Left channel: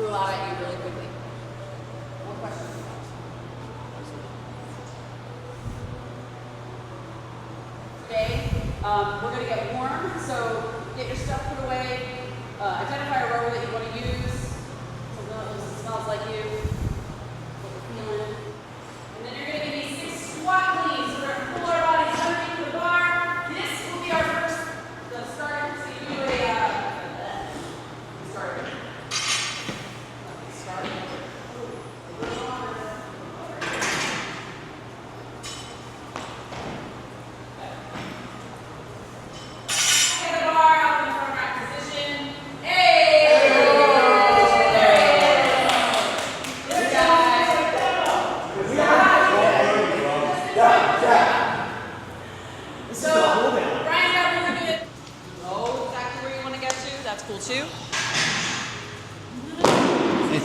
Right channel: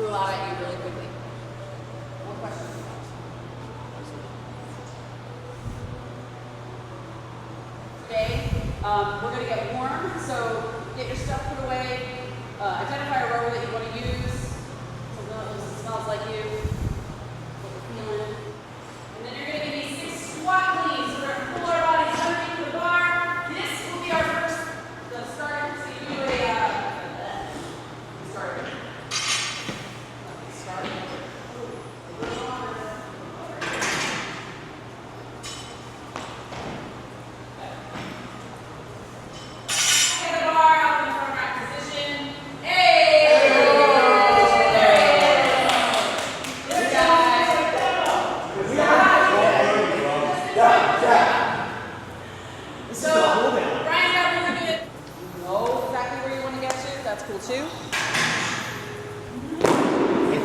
threw a lot at you really quickly. One question. Okay, we're going to get warm, so get your stuff put away. Identify a rower that you want to use, something that smells like you, what you're feeling. And then you're going to give me 6 squat cleans. We're going to pull our bodies underneath the bar. This will be our first start. So you do start.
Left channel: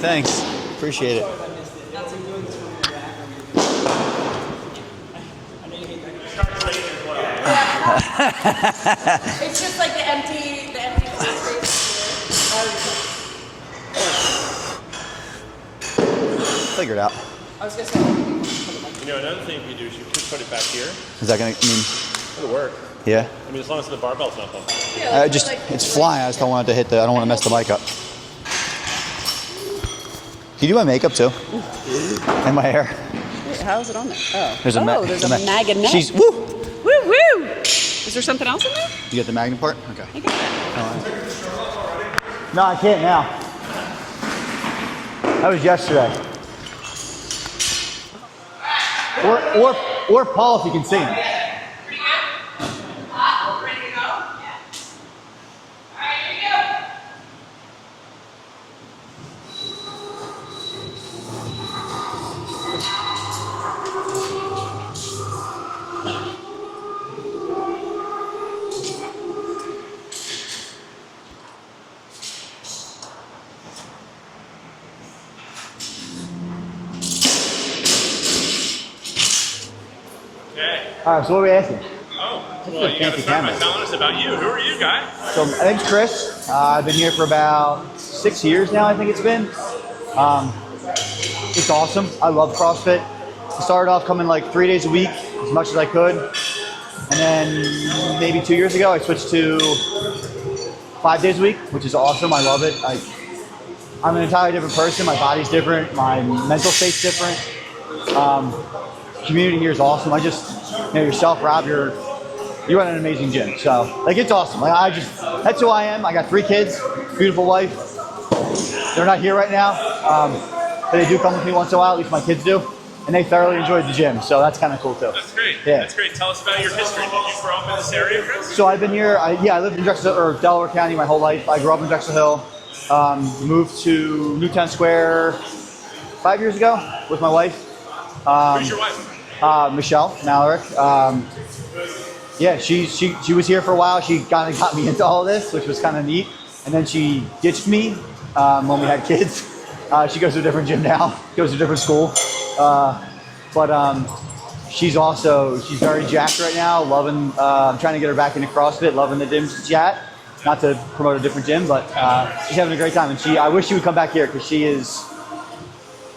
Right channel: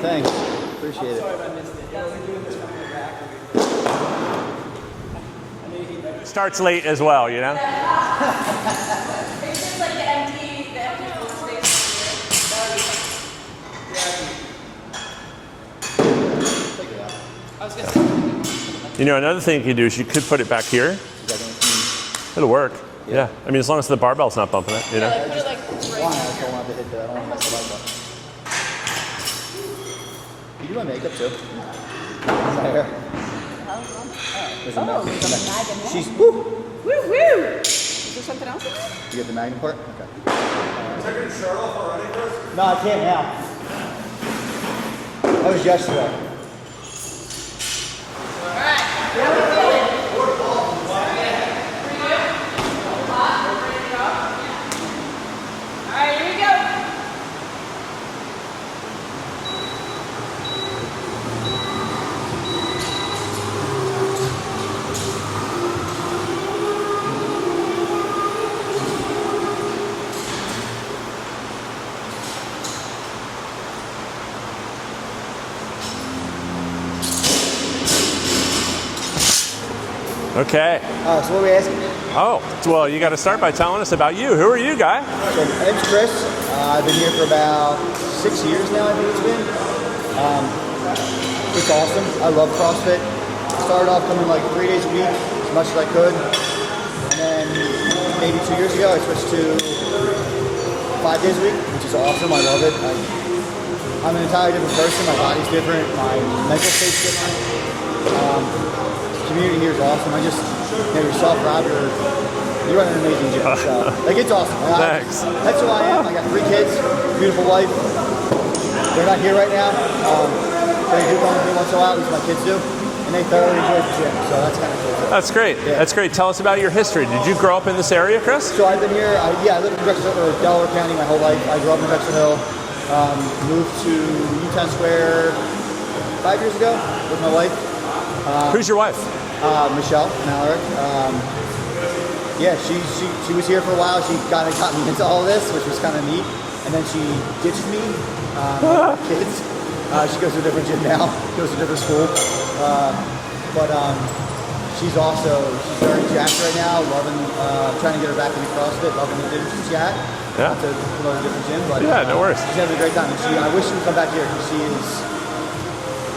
Thanks. Appreciate it. Sorry if I missed it. That's doing this one back. I know you hate that. Starts late as well, you know? It's just like the empty plastic. Figure it out. I was gonna say. You know, another thing you could do is you could put it back here. Is that gonna It'll work. Yeah. I mean, as long as the barbell's not bumping it, you know? it's flying. I just don't want it to hit I don't want to mess the mic up. Can you do my makeup too? And my hair. Wait, how is it on there? Oh, There's there's a magnet. She's woo. Woo woo. Is there something else in there? You get the magnet part? Okay. You got it. No, I can't now. That was yesterday. Or Paul if you can sing. Pretty good. Hot. Ready to go? Yeah. All right, here we go. Okay. So what are we asking? Oh, well, you got to start by telling us about you. Who are you, guy? So my name's Chris. I've been here for about 6 years now, I think it's been. It's awesome. I love CrossFit. I started off coming like 3 days a week, as much as I could. And then maybe 2 years ago, I switched to 5 days a week, which is awesome. I love it. I'm an entirely different person. My body's different. My mental state's different. Community here is awesome. Yourself, Rob, you run an amazing gym. So, it's awesome. That's who I am. I got 3 kids, beautiful wife. They're not here right now, but they do come with me once in a while, at least my kids do. And they thoroughly enjoy the gym, so that's kind of cool too. That's great. Yeah. That's great. Tell us about your history. Did you grow up in this area, Chris? So I've been here, I lived in Delaware County my whole life. I grew up in Drexel Hill, moved to Newtown Square 5 years ago with my wife. Who's your wife? Michelle Malarick. She was here for a while. She kind of got me into all this, which was kind of neat. And then she ditched me when we had kids. She goes to a different gym now, goes to a different school. She's very jacked right now, loving, trying to get her back into CrossFit, loving the gym she's at. Yeah. Not to promote a different gym, but no worries. she's having a great time. And I wish she would come back here because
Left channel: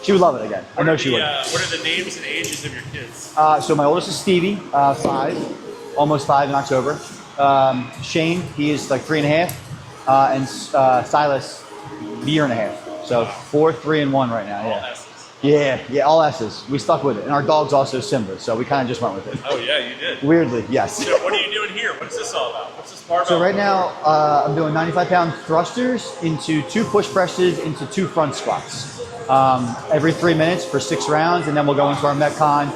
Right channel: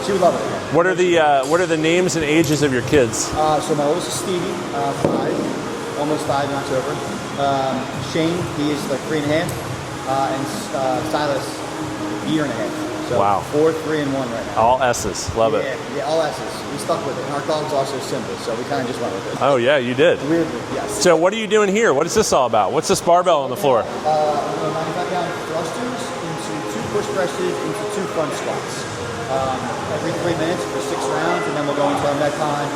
she would love it again. What are the names and ages of your kids? So my oldest is Stevie, 5, almost 5 in October. Shane, he is like 3.5, and Silas, a year and a half. So wow. 4, 3, and 1 right now. All S's. Love it. Yeah, all S's. We stuck with it. And our dog's also Simba, so we kind of just went with it. Oh, yeah, you did. Weirdly, yes. So what are you doing here? What is this all about? What's this barbell So right on the floor? now, I'm doing 95-pound thrusters into 2 push presses into 2 front squats. Every 3 minutes for 6 rounds, and then we'll go into our Metcon,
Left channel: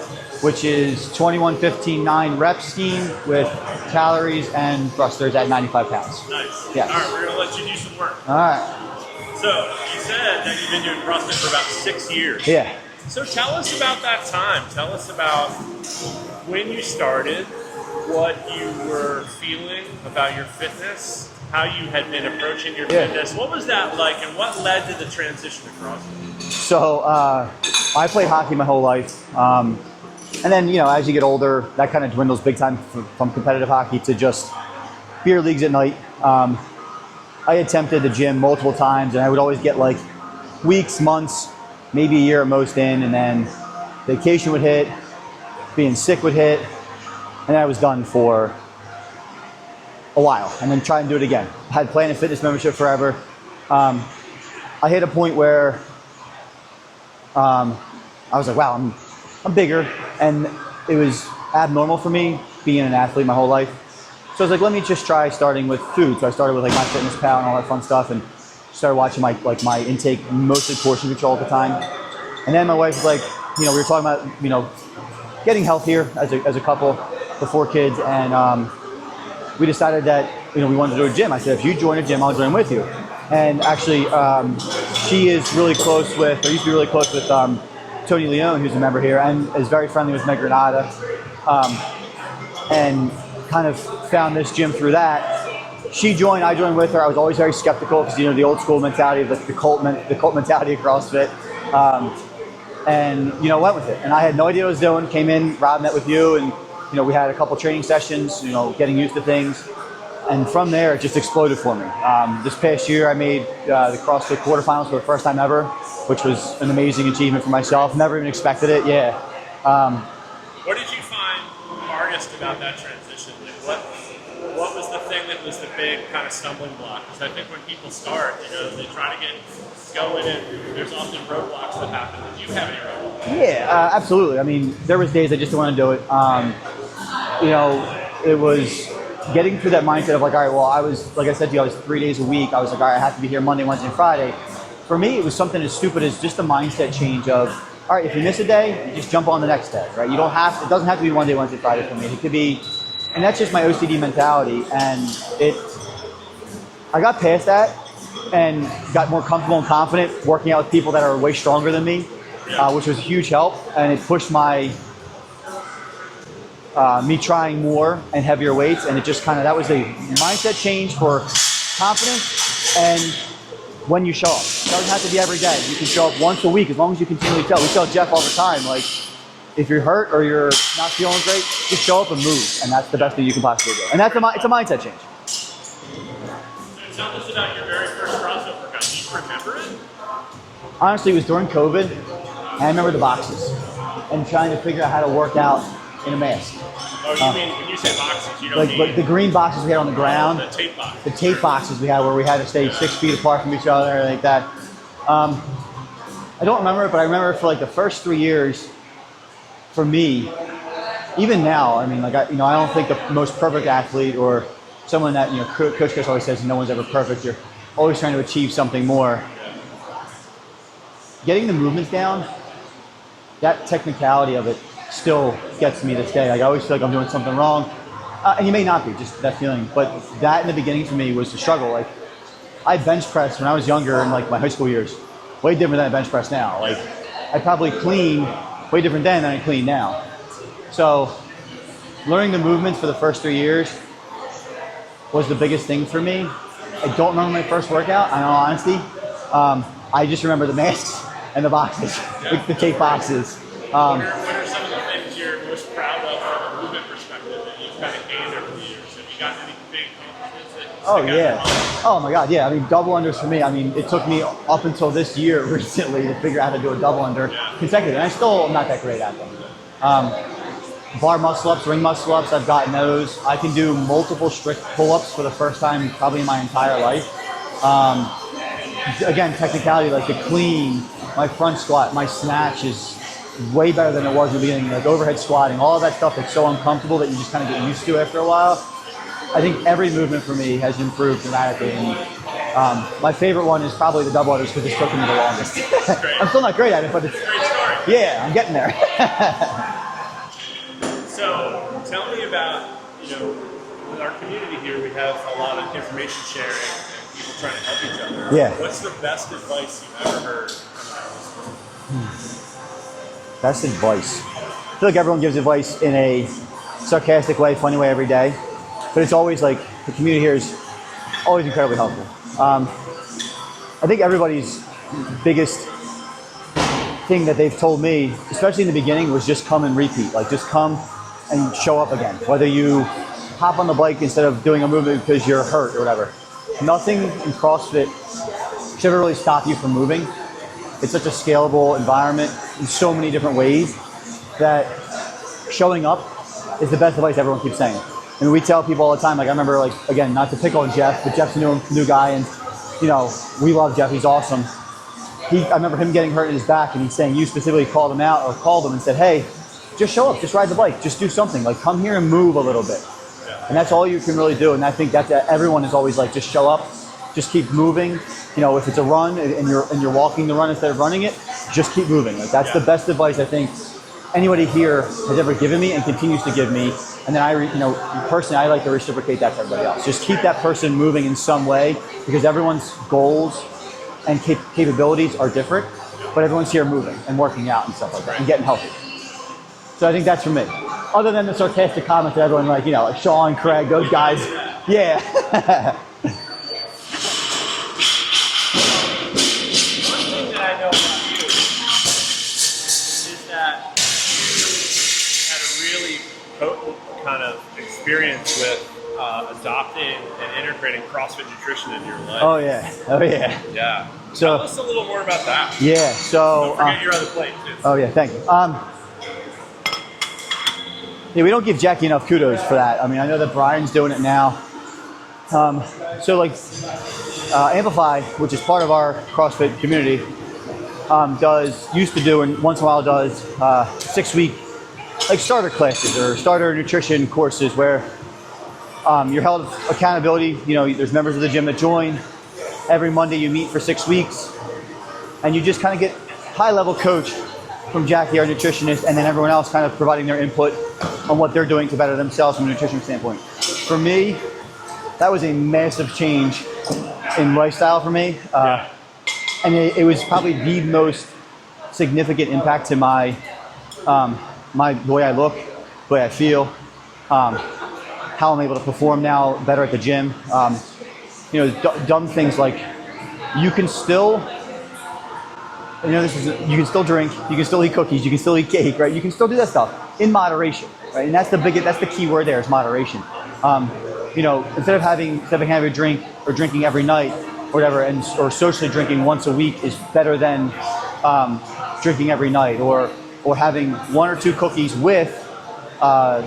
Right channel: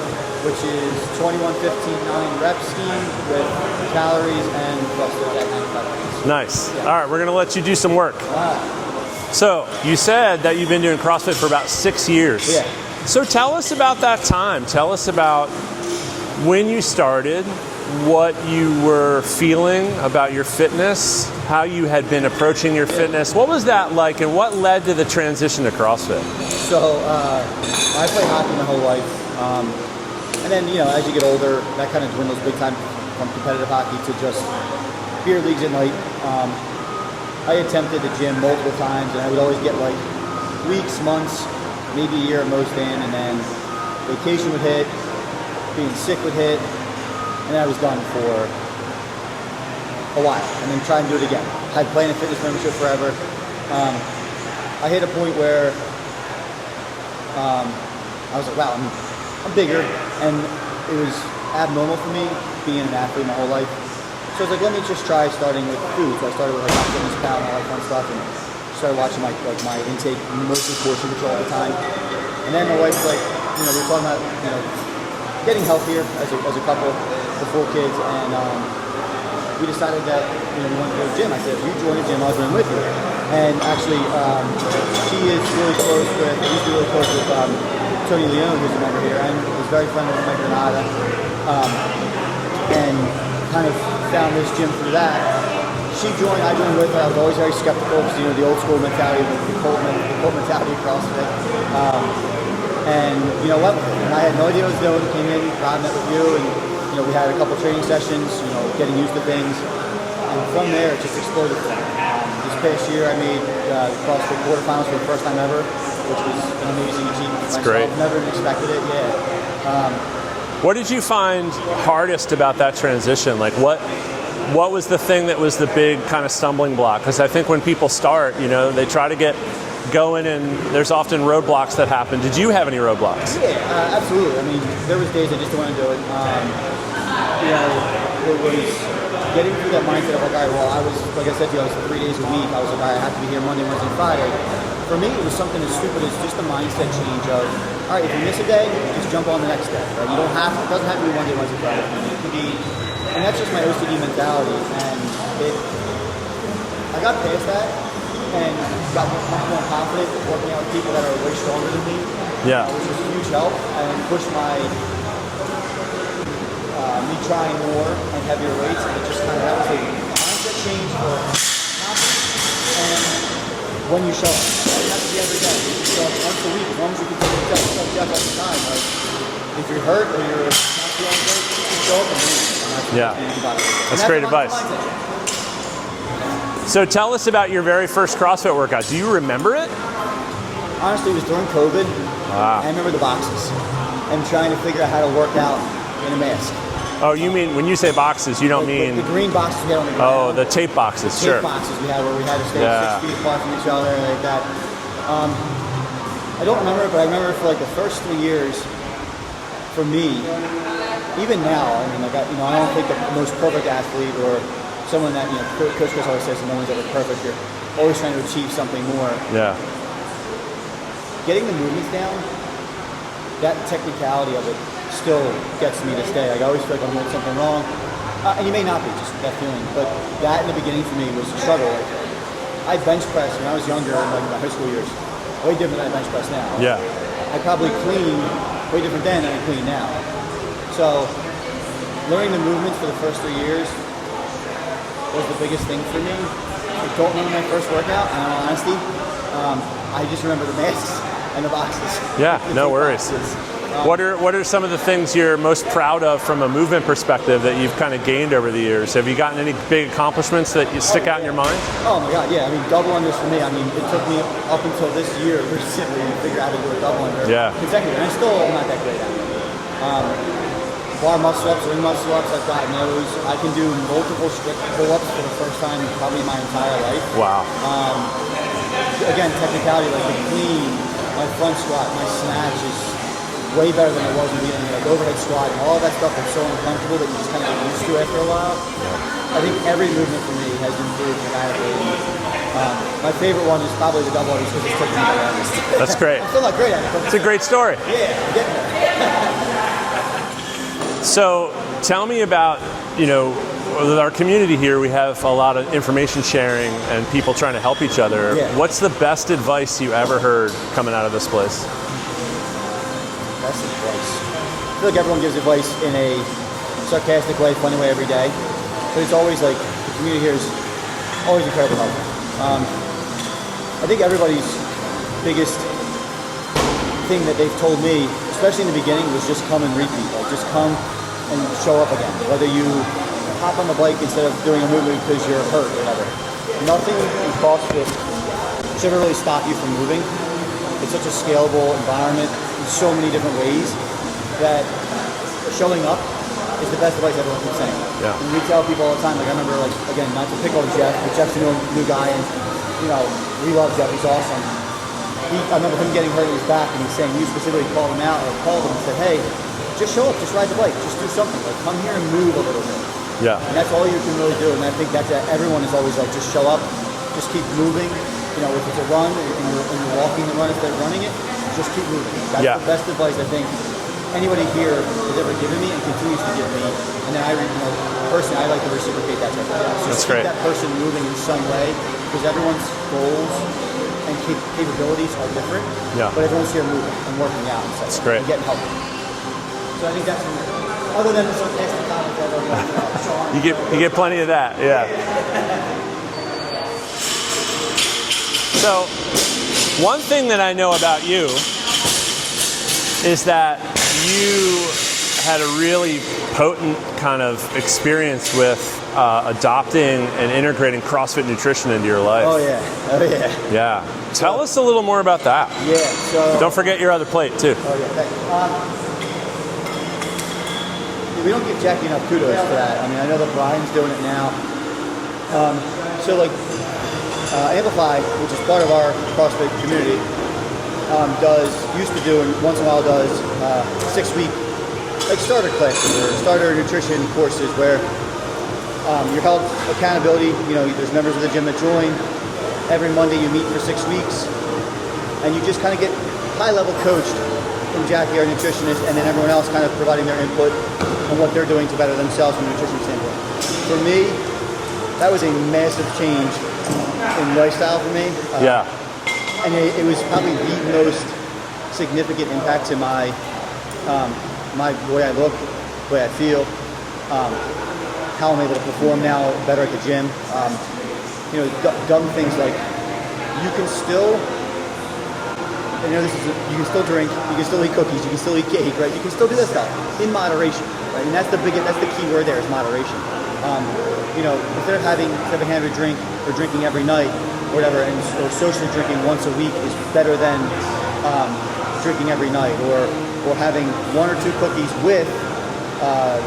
which is 21-15-9 rep scheme with calories and thrusters at 95 pounds. Nice. Yes. All right, we're going to let you do some work. All right. So you said that you've been doing CrossFit for about 6 years. Yeah. So tell us about that time. Tell us about when you started, what you were feeling about your fitness, how you had been approaching your fitness. What was that like, and what led to the transition to CrossFit? So I played hockey my whole life. And then, as you get older, that kind of dwindles big time from competitive hockey to just beer leagues at night. I attempted the gym multiple times, and I would always get weeks, months, maybe a year at most in, and then vacation would hit, being sick would hit, and then I was done for a while, and then try and do it again. I had Planet Fitness membership forever. I hit a point where I was like, wow, I'm bigger, and it was abnormal for me being an athlete my whole life. So I was like, let me just try starting with food. So I started with like MyFitnessPal and all that fun stuff, and started watching my intake, mostly portion control at the time. And then my wife was like, we were talking about getting healthier as a couple before kids, and we decided that we wanted to do a gym. I said, if you join a gym, I'll join with you. And actually, she is really close with, or used to be really close with Tony Leone, who's a member here, and is very friendly with Meg Granada, and kind of found this gym through that. She joined, I joined with her. I was always very skeptical because the old school mentality, the cult mentality of CrossFit. And went with it. And I had no idea what I was doing. Came in, Rob met with you, and we had a couple training sessions. Getting used to things. And from there, it just exploded for me. This past year, I made the CrossFit quarterfinals for the first time ever, which was an amazing achievement for myself. Great. Never even expected it. Yeah. What did you find hardest about that transition? Like what was the thing that was the big kind of stumbling block? Because I think when people start, they try to get going, and there's often roadblocks that happen. Did you have any roadblocks? Yeah, absolutely. I mean, there was days I just didn't want to do it. It was getting through that mindset of like, all right, well, I was, like I said to you, I was 3 days a week. I was like, all right, I have to be here Monday, Wednesday, and Friday. For me, it was something as stupid as just a mindset change of, all right, if you miss a day, just jump on the next day, right? It doesn't have to be Monday, Wednesday, Friday for me. It could be, and that's just my OCD mentality. And I got past that and got more comfortable and confident working out with people that are way stronger than me, which was a huge help. And it pushed me trying more and heavier weights, and it just that was a mindset change for confidence. And when you show up, it doesn't have to be every day. You can show up once a week as long as you continue to tell. We tell Jeff all the time, like, if you're hurt or you're not feeling great, just show up and move, and that's the best thing you can possibly do. And that's great it's a advice. mindset change. So tell us about your very first CrossFit workout. Do you remember it? Honestly, it was during COVID. Wow. And I remember the boxes and trying to figure out how to work out in a mask. Oh, you mean, when you say boxes, you don't mean... the green boxes we had on the ground. Oh, the tape boxes, The tape boxes we had where we had to stay 6 feet apart from each other, like that. I don't remember it, but I remember for the first 3 years, for me, even now, I mean, I don't think the most perfect athlete or someone that, Coach Chris always says no one's ever perfect. You're always trying to achieve something more. Yeah. Getting the movements down, that technicality of it still gets me this day. I always feel like I'm doing something wrong. And you may not be, just that feeling. But that in the beginning for me was a struggle. I bench pressed when I was younger in my high school years. Way different than I bench press now. Yeah. I probably clean way different then than I clean now. So learning the movements for the first 3 years was the biggest thing for me. I don't remember my first workout, in all honesty. I just remember the masks and the boxes. Yeah, the no tape worries. boxes. What are some of the things you're most proud of from a movement perspective that you've kind of gained over the years? Have you gotten any big accomplishments that you stick out in your mind? Oh my God, yeah. I mean, double unders for me. I mean, it took me up until this year recently to figure out how to do a double under consecutive, and I still am not that great at them. Bar muscle ups, ring muscle ups, I've gotten those. I can do multiple strict pull-ups for the first time probably in my entire life. Wow. Again, technicality, like the clean, my front squat, my snatch is way better than it was in the beginning. Like overhead squat and all of that stuff is so uncomfortable that you just kind of get used to after a while. I think every movement for me has improved dramatically. And, my favorite one is probably the double unders because it's taken me the longest. That's great. I'm still not great at it, but It's a great story. yeah, I'm getting there. So tell me about, with our community here, we have a lot of information sharing and people trying to help each other. Yeah. What's the best advice you ever heard coming out of this place? Best advice. I feel like everyone gives advice in a sarcastic way, funny way every day, but it's always the community here is always incredibly helpful. I think everybody's biggest thing that they've told me, especially in the beginning, was just come and repeat. Just come and show up again. Whether you hop on the bike instead of doing a movement because you're hurt or whatever. Nothing in CrossFit should ever really stop you from moving. it's such a scalable environment in so many different ways that showing up is the best advice everyone keeps saying. Yeah. And we tell people all the time, like I remember, like, again, not to pick on Jeff, but Jeff's a new guy, and you know, we love Jeff, he's awesome. I remember him getting hurt in his back, and he's saying you specifically called him out or called him and said, hey, just show up, just ride the bike, just do something, like come here and move a little bit. Yeah. And that's all you can really do. And I think that's everyone is always like, just show up, just keep moving. You know, if it's a run and you're walking the run instead of running it, just keep moving. Like, that's the best advice I think anybody here has ever given me and continues to give me. And then personally, I like to reciprocate that type of stuff. So just keep that person moving in some way, because everyone's goals and capabilities are different. Yeah. But everyone's here moving and working out and stuff like that, and getting healthy. So I think that's for me. Other than the sarcastic comment that everyone, like, you know, like Sean, Craig, those you get guys. plenty of that. Yeah. So, one thing that I know about you is that you had a really potent kind of experience with adopting and integrating CrossFit nutrition into your life. Oh yeah. Yeah. Tell us a little more about that. Yeah. So don't forget your other plate too. Oh yeah, thanks. Yeah, we don't give Jackie enough kudos for that. I mean, I know that Brian's doing it now. So like Amplify, which is part of our CrossFit community, used to do and once in a while does 6-week like starter classes or starter nutrition courses where you're held accountability. You know, there's members of the gym that join. Every Monday you meet for 6 weeks, and you just kind of get high-level coached from Jackie, our nutritionist, and then everyone else kind of providing their input on what they're doing to better themselves from a nutrition standpoint. For me, that was a massive change in lifestyle for me. And it was probably the most significant impact to my the way I look, the way I feel, how I'm able to perform now better at the gym. You know, dumb things like you can still, you know, you can still drink, you can still eat cookies, you can still eat cake, right? You can still do that stuff in moderation, right? And that's the key word there is moderation. You know, instead of having a drink or drinking every night or whatever, or socially drinking once a week is better than drinking every night, or having 1 or 2 cookies with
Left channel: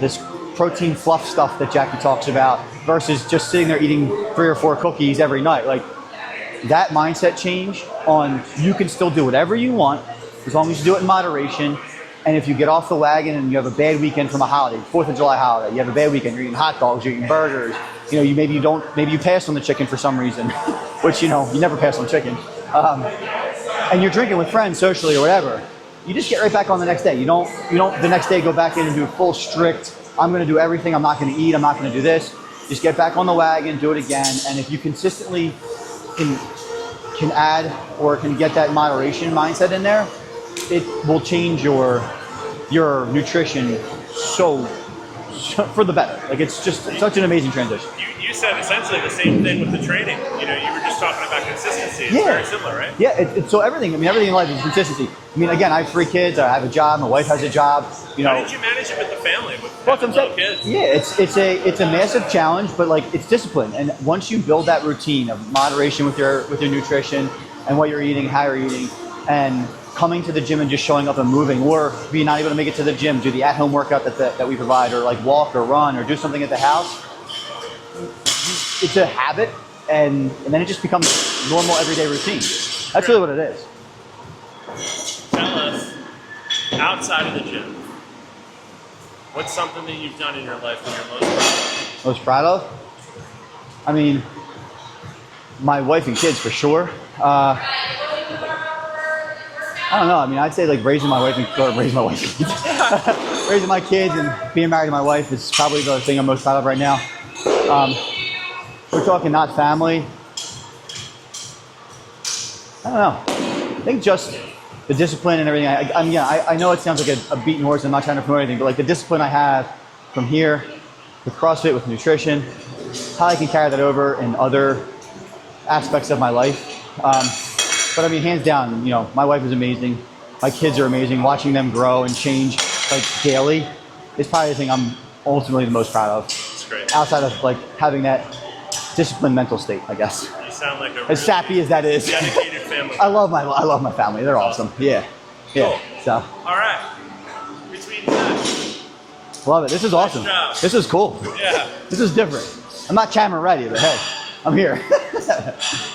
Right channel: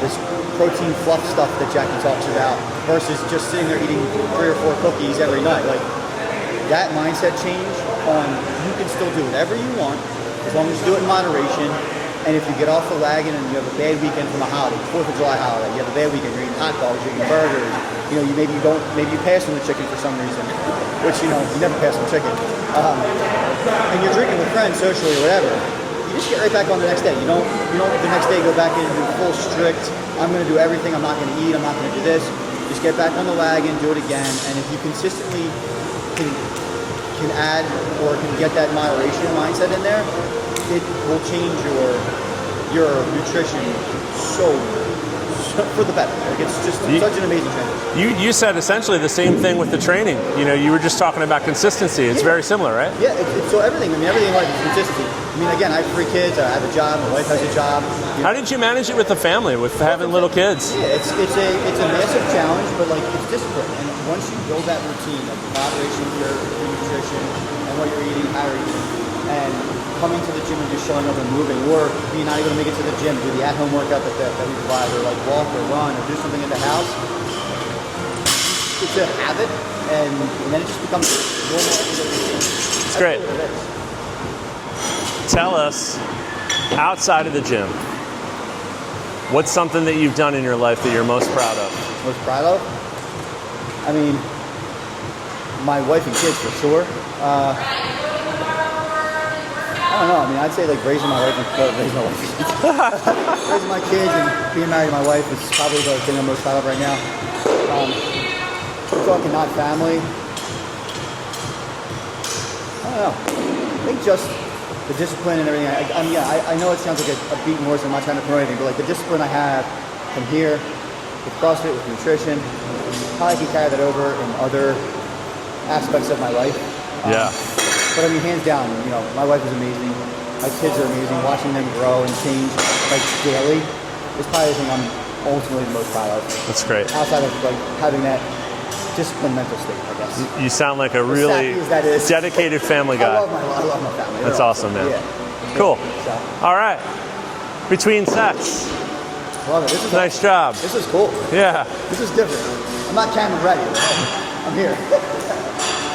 this protein fluff stuff that Jackie talks about versus just sitting there eating 3 or 4 cookies every night. Like that mindset change on you can still do whatever you want as long as you do it in moderation. And if you get off the wagon and you have a bad weekend from a holiday, 4th of July holiday, you have a bad weekend, you're eating hot dogs, you're eating burgers, you know, maybe you pass on the chicken for some reason, which, you know, you never pass on chicken. And you're drinking with friends socially or whatever, you just get right back on the next day. You don't the next day go back in and do full strict, I'm gonna do everything, I'm not gonna eat, I'm not gonna do this. Just get back on the wagon, do it again. And if you consistently can add or can get that moderation mindset in there, it will change your nutrition so for the better. Like it's just such an amazing transition. You said essentially the same thing with the training. You know, you were just talking about consistency. It's very similar, right? Yeah, it's so everything. I mean, everything in life is consistency. I mean, again, I have 3 kids. I have a job. My wife has a job. You know, how did you manage it with the family, with having little kids? Yeah, it's a massive challenge, but like it's discipline. And once you build that routine of moderation with your nutrition and what you're eating, how you're eating, and coming to the gym and just showing up and moving, or being not able to make it to the gym, do the at-home workout that we provide, or like walk or run or do something at the house. It's a habit, and then it just becomes normal everyday routine. That's really what it is. Tell us, outside of the gym, what's something that you've done in your life that you're most proud of? Most proud of? I mean, my wife and kids for sure. I don't know. I mean, I'd say like raising my kids and being married to my wife is probably the thing I'm most proud of right now. We're talking not family. I don't know. I think just the discipline and everything. I know it sounds like a beaten horse. I'm not trying to promote anything, but like the discipline I have from here with CrossFit, with nutrition, how I can carry that over in other aspects of my life. But I mean, hands down, you know, my wife is amazing. My kids are amazing. Watching them grow and change like daily is probably the thing I'm ultimately the most proud of. That's great. Outside of like having that disciplined mental state, I guess. You sound like a As sappy really as that is. dedicated family guy. I love my family. They're That's awesome, man. Yeah. Cool. Yeah. So, All right. Between sets. love it. This is Nice awesome. job. This is cool. Yeah. This is different. I'm not chatting already, but hey, I'm here.